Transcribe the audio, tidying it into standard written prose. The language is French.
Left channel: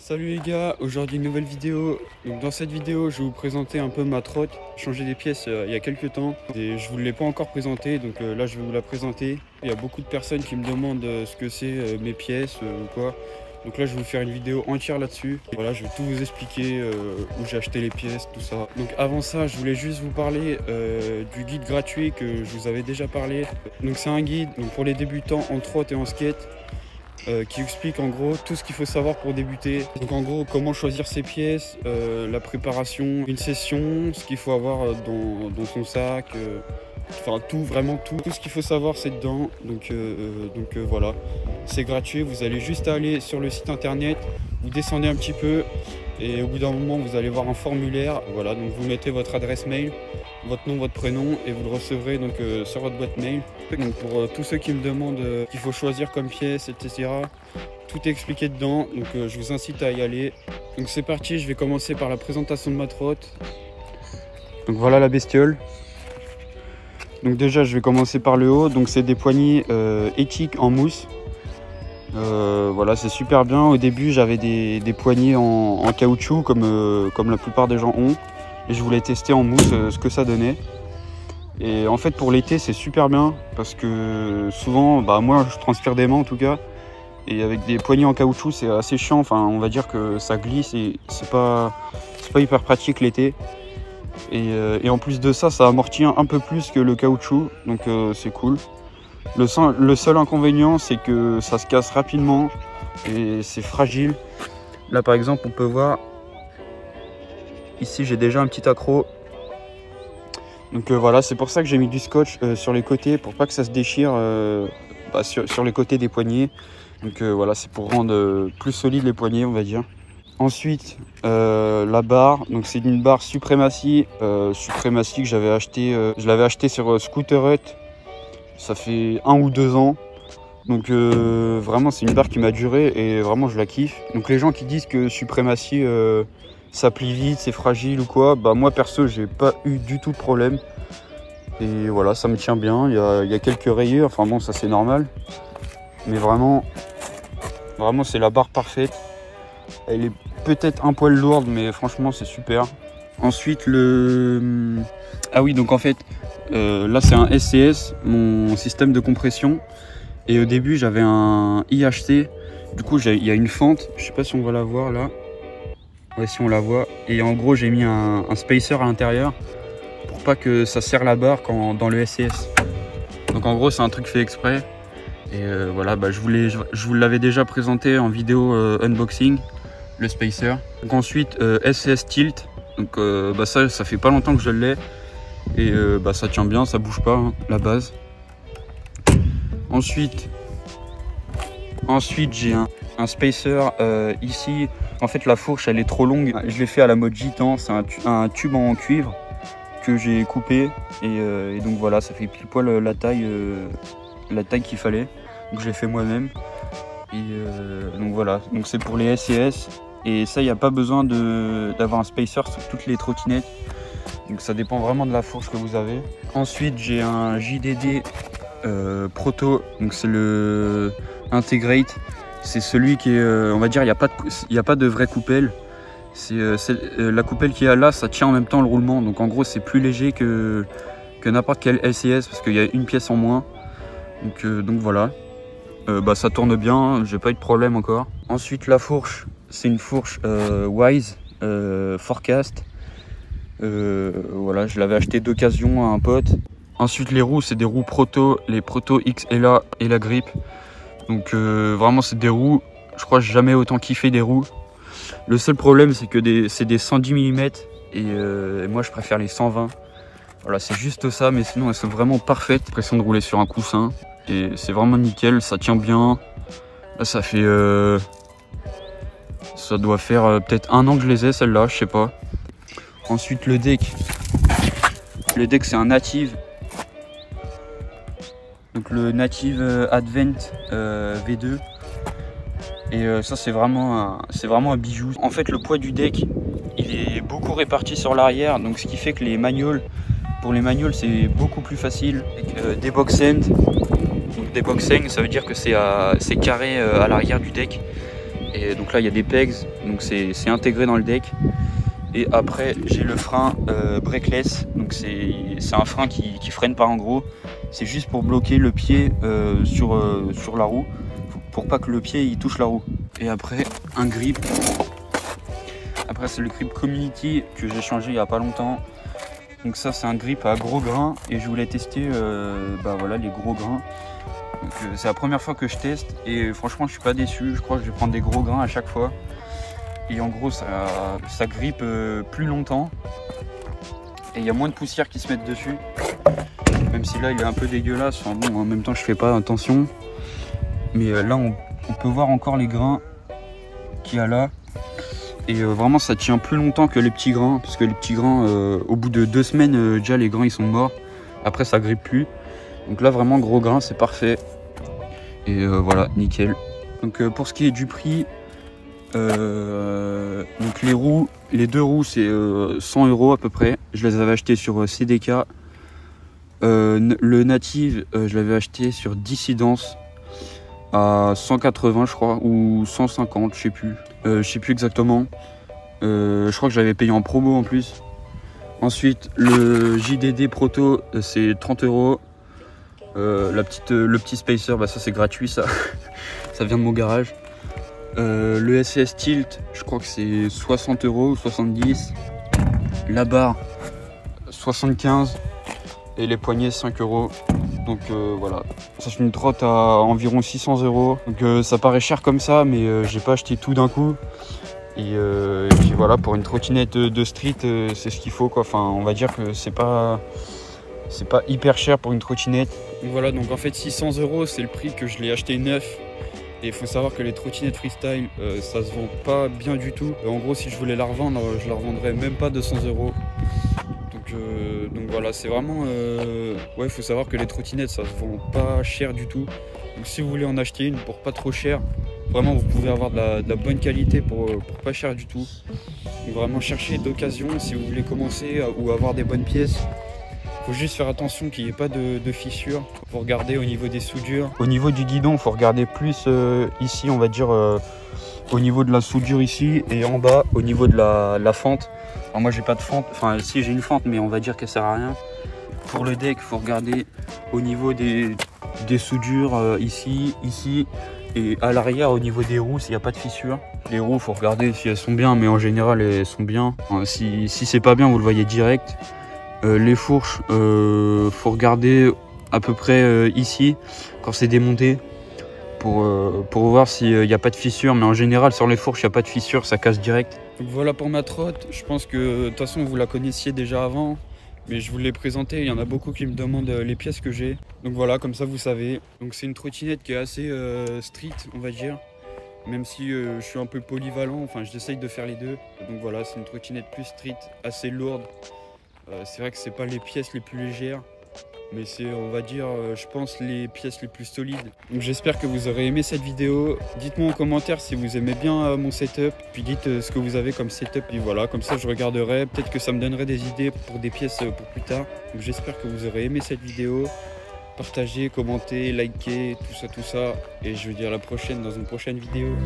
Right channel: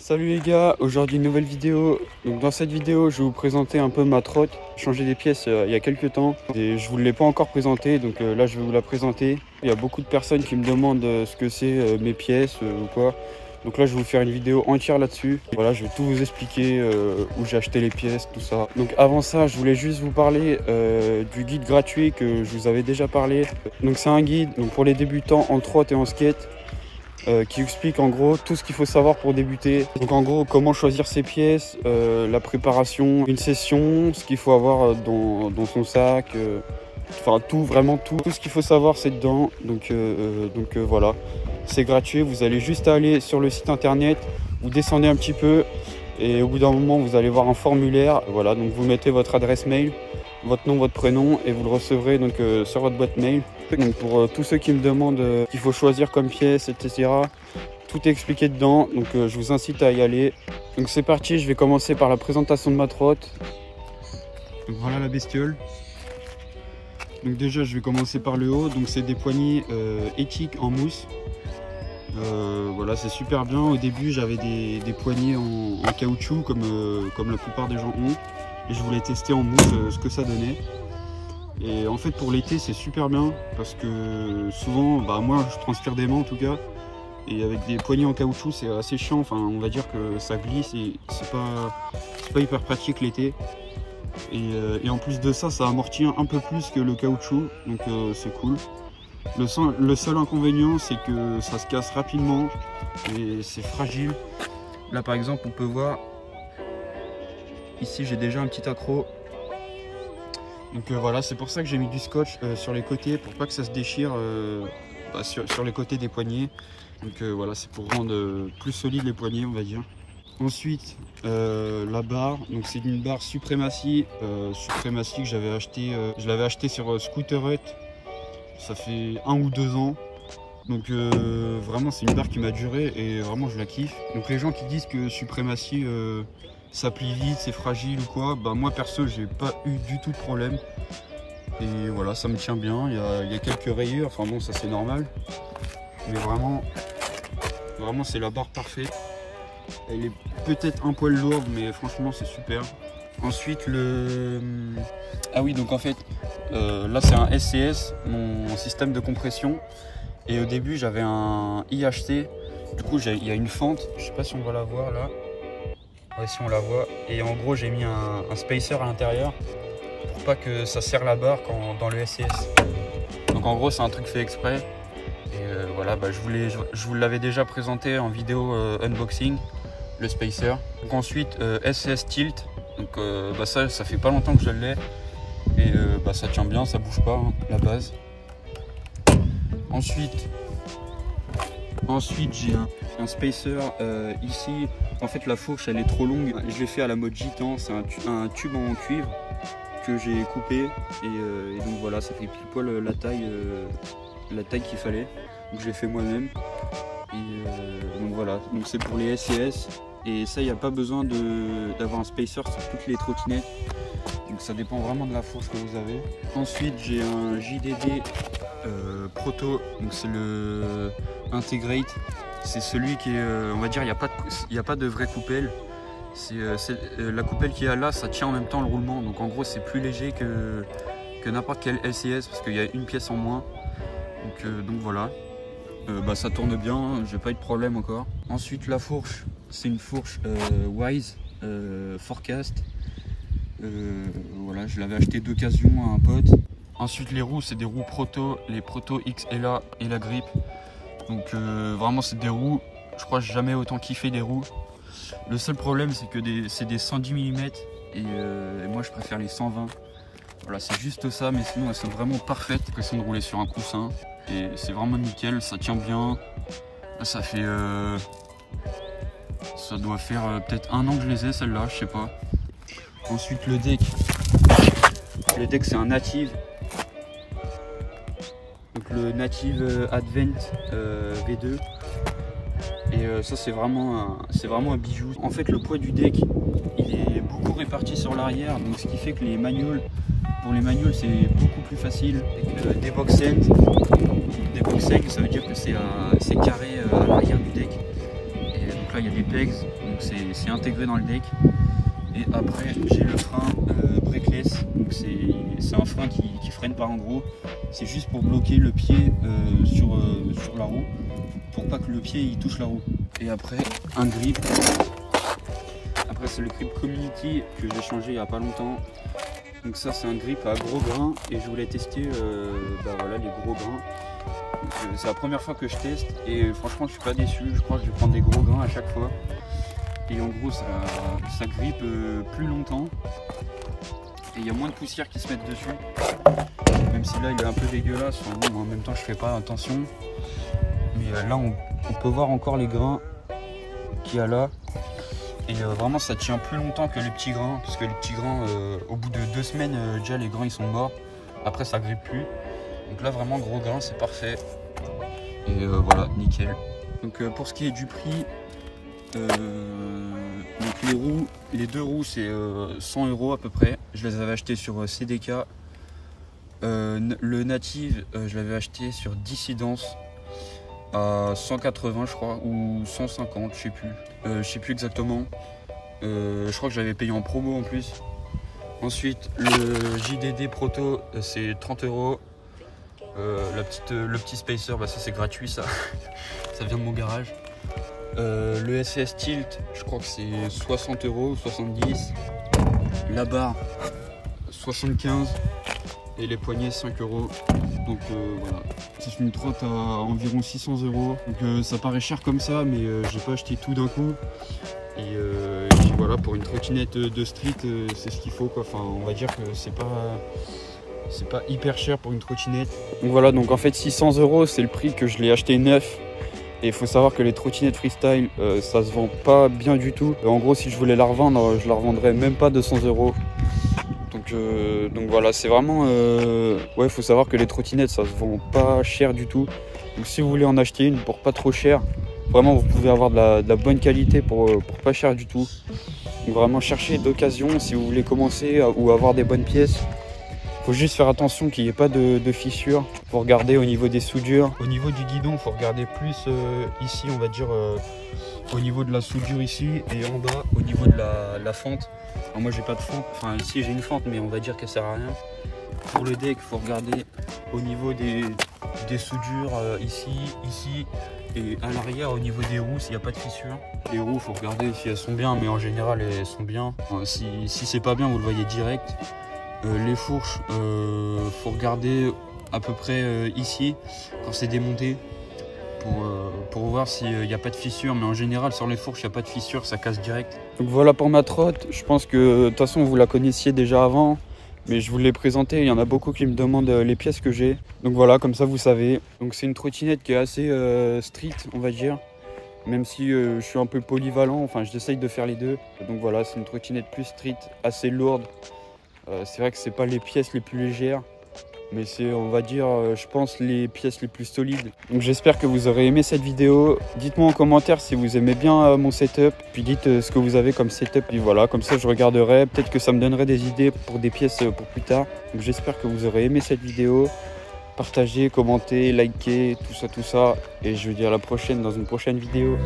Salut les gars, aujourd'hui une nouvelle vidéo. Donc dans cette vidéo je vais vous présenter un peu ma trotte. J'ai changé des pièces il y a quelques temps et je vous l'ai pas encore présentée, donc là je vais vous la présenter. Il y a beaucoup de personnes qui me demandent ce que c'est mes pièces ou quoi. Donc là je vais vous faire une vidéo entière là-dessus. Voilà, je vais tout vous expliquer où j'ai acheté les pièces, tout ça. Donc avant ça je voulais juste vous parler du guide gratuit que je vous avais déjà parlé. Donc c'est un guide donc, pour les débutants en trotte et en skate. Qui explique en gros tout ce qu'il faut savoir pour débuter. Donc en gros comment choisir ses pièces, la préparation, une session, ce qu'il faut avoir dans son sac, enfin tout, vraiment tout ce qu'il faut savoir c'est dedans. Donc voilà, c'est gratuit, vous allez juste aller sur le site internet, vous descendez un petit peu et au bout d'un moment vous allez voir un formulaire. Voilà, donc vous mettez votre adresse mail, votre nom, votre prénom et vous le recevrez donc sur votre boîte mail. Donc pour tous ceux qui me demandent qu'il faut choisir comme pièce, etc. Tout est expliqué dedans, donc je vous incite à y aller. Donc c'est parti, je vais commencer par la présentation de ma trotte. Donc voilà la bestiole. Donc déjà je vais commencer par le haut, donc c'est des poignées éthiques en mousse. Voilà, c'est super bien. Au début j'avais des poignées en caoutchouc comme la plupart des gens ont. Et je voulais tester en mousse ce que ça donnait. Et en fait pour l'été c'est super bien parce que souvent, moi je transpire des mains en tout cas. Et avec des poignées en caoutchouc c'est assez chiant, enfin on va dire que ça glisse et c'est pas hyper pratique l'été. Et en plus de ça, ça amortit un peu plus que le caoutchouc, donc c'est cool. Le seul inconvénient c'est que ça se casse rapidement et c'est fragile. Là par exemple on peut voir, ici j'ai déjà un petit accroc. Donc voilà, c'est pour ça que j'ai mis du scotch sur les côtés pour pas que ça se déchire sur les côtés des poignets. Donc voilà, c'est pour rendre plus solide les poignets on va dire. Ensuite la barre, donc c'est une barre Supremacy que j'avais acheté, je l'avais acheté sur Scooter Hut, ça fait 1 ou 2 ans. Donc vraiment c'est une barre qui m'a duré et vraiment je la kiffe. Donc les gens qui disent que Supremacy ça plie vite, c'est fragile ou quoi, moi perso j'ai pas eu du tout de problème. Et voilà, ça me tient bien, il y a quelques rayures, enfin bon ça c'est normal. Mais vraiment c'est la barre parfaite. Elle est peut-être un poil lourde mais franchement c'est super. Ensuite ah oui, donc en fait là c'est un SCS, mon système de compression. Et au début j'avais un IHT, du coup il y a une fente, je sais pas si on va la voir là. Ouais, si on la voit. Et en gros j'ai mis un spacer à l'intérieur pour pas que ça serre la barre dans le SCS. Donc en gros c'est un truc fait exprès. Et voilà, je vous l'avais déjà présenté en vidéo unboxing, le spacer. Donc ensuite SCS tilt. Donc ça fait pas longtemps que je l'ai. Et ça tient bien, ça bouge pas hein, la base. Ensuite j'ai un spacer ici. En fait la fourche elle est trop longue, je l'ai fait à la mode gitan, c'est un tube en cuivre que j'ai coupé et donc voilà, ça fait pile poil la taille qu'il fallait, donc je l'ai fait moi-même. Et donc voilà, donc c'est pour les SCS et ça il n'y a pas besoin d'avoir un spacer sur toutes les trottinettes, donc ça dépend vraiment de la fourche que vous avez. Ensuite j'ai un JDD Proto, donc c'est le Integrate. C'est celui qui est, on va dire, il n'y a pas de vraie coupelle. La coupelle qu'il y a là, ça tient en même temps le roulement. Donc en gros, c'est plus léger que n'importe quel LCS parce qu'il y a une pièce en moins. Donc voilà. Ça tourne bien, j'ai pas eu de problème encore. Ensuite, la fourche, c'est une fourche Wise Forecast. Voilà, je l'avais acheté d'occasion à un pote. Ensuite, les roues, c'est des roues Proto, les Proto XLA et la Grip. Donc vraiment c'est des roues, je crois que j'ai jamais autant kiffé des roues. Le seul problème c'est que c'est des 110 mm et moi je préfère les 120. Voilà, c'est juste ça, mais sinon elles sont vraiment parfaites. L'impression de rouler sur un coussin et c'est vraiment nickel, ça tient bien. Là ça fait ça doit faire peut-être 1 an que je les ai celles-là, je sais pas. Ensuite le deck c'est un Native. Donc le Native Advent V2 et ça c'est vraiment un bijou. En fait le poids du deck il est beaucoup réparti sur l'arrière, donc ce qui fait que pour les magnoles c'est beaucoup plus facile. Avec des box end, ça veut dire que c'est carré à l'arrière du deck. Et donc là il y a des pegs, donc c'est intégré dans le deck. Et après j'ai le frein brakeless, donc c'est un frein qui freine pas en gros. C'est juste pour bloquer le pied sur la roue, pour pas que le pied il touche la roue. Et après un grip. Après c'est le grip Community que j'ai changé il y a pas longtemps. Donc ça c'est un grip à gros grains et je voulais tester voilà, les gros grains. C'est la première fois que je teste et franchement je suis pas déçu. Je crois que je vais prendre des gros grains à chaque fois. Et en gros ça grippe plus longtemps. Et il y a moins de poussière qui se met dessus. Même si là il est un peu dégueulasse. Enfin, bon, en même temps je fais pas attention. Mais là on peut voir encore les grains qu'il y a là. Et vraiment ça tient plus longtemps que les petits grains. Parce que les petits grains au bout de 2 semaines déjà les grains ils sont morts. Après ça grippe plus. Donc là vraiment gros grain c'est parfait. Et voilà nickel. Donc pour ce qui est du prix, donc les deux roues c'est 100 € à peu près. Je les avais achetées sur CDK. Le Native je l'avais acheté sur Dissidence à 180 je crois, ou 150 je sais plus exactement. Je crois que je l'avais payé en promo en plus. Ensuite le JDD Proto c'est 30 €. Le petit spacer, bah ça c'est gratuit, ça ça vient de mon garage. Le SES Tilt je crois que c'est 60 € ou 70. La barre 75 et les poignets 5 €. Donc voilà, ça fait une trotte à environ 600 €. Donc ça paraît cher comme ça, mais j'ai pas acheté tout d'un coup. Et puis voilà, pour une trottinette de street c'est ce qu'il faut quoi. Enfin on va dire que c'est pas hyper cher pour une trottinette. Donc voilà, donc en fait 600 € c'est le prix que je l'ai acheté neuf. Et il faut savoir que les trottinettes freestyle ça se vend pas bien du tout. En gros si je voulais la revendre, je la revendrais même pas 200 €. Donc voilà, c'est vraiment ouais, il faut savoir que les trottinettes ça se vend pas cher du tout. Donc si vous voulez en acheter une pour pas trop cher, vraiment vous pouvez avoir de la bonne qualité pour pas cher du tout. Donc vraiment cherchez d'occasion si vous voulez commencer ou avoir des bonnes pièces. Faut juste faire attention qu'il n'y ait pas de fissures. Faut regarder au niveau des soudures. Au niveau du guidon, faut regarder plus ici, on va dire au niveau de la soudure ici, et en bas au niveau de la fente. Alors moi j'ai pas de fente, enfin si j'ai une fente, mais on va dire qu'elle sert à rien. Pour le deck, faut regarder au niveau des soudures ici, et à l'arrière au niveau des roues s'il n'y a pas de fissures. Les roues, faut regarder si elles sont bien, mais en général elles sont bien. Enfin, si c'est pas bien, vous le voyez direct. Les fourches, faut regarder à peu près ici quand c'est démonté pour voir s'il n'y a pas de fissure, mais en général sur les fourches il n'y a pas de fissure, ça casse direct. Donc voilà pour ma trotte. Je pense que de toute façon vous la connaissiez déjà avant, mais je vous l'ai présentée. Il y en a beaucoup qui me demandent les pièces que j'ai, donc voilà, comme ça vous savez. Donc c'est une trottinette qui est assez street on va dire, même si je suis un peu polyvalent, enfin j'essaye de faire les deux. Donc voilà, c'est une trottinette plus street, assez lourde. C'est vrai que c'est pas les pièces les plus légères, mais c'est, on va dire, je pense, les pièces les plus solides. Donc j'espère que vous aurez aimé cette vidéo. Dites-moi en commentaire si vous aimez bien mon setup, puis dites ce que vous avez comme setup, et voilà, comme ça je regarderai, peut-être que ça me donnerait des idées pour des pièces pour plus tard. Donc j'espère que vous aurez aimé cette vidéo. Partagez, commentez, likez, tout ça, et je vous dis à la prochaine dans une prochaine vidéo.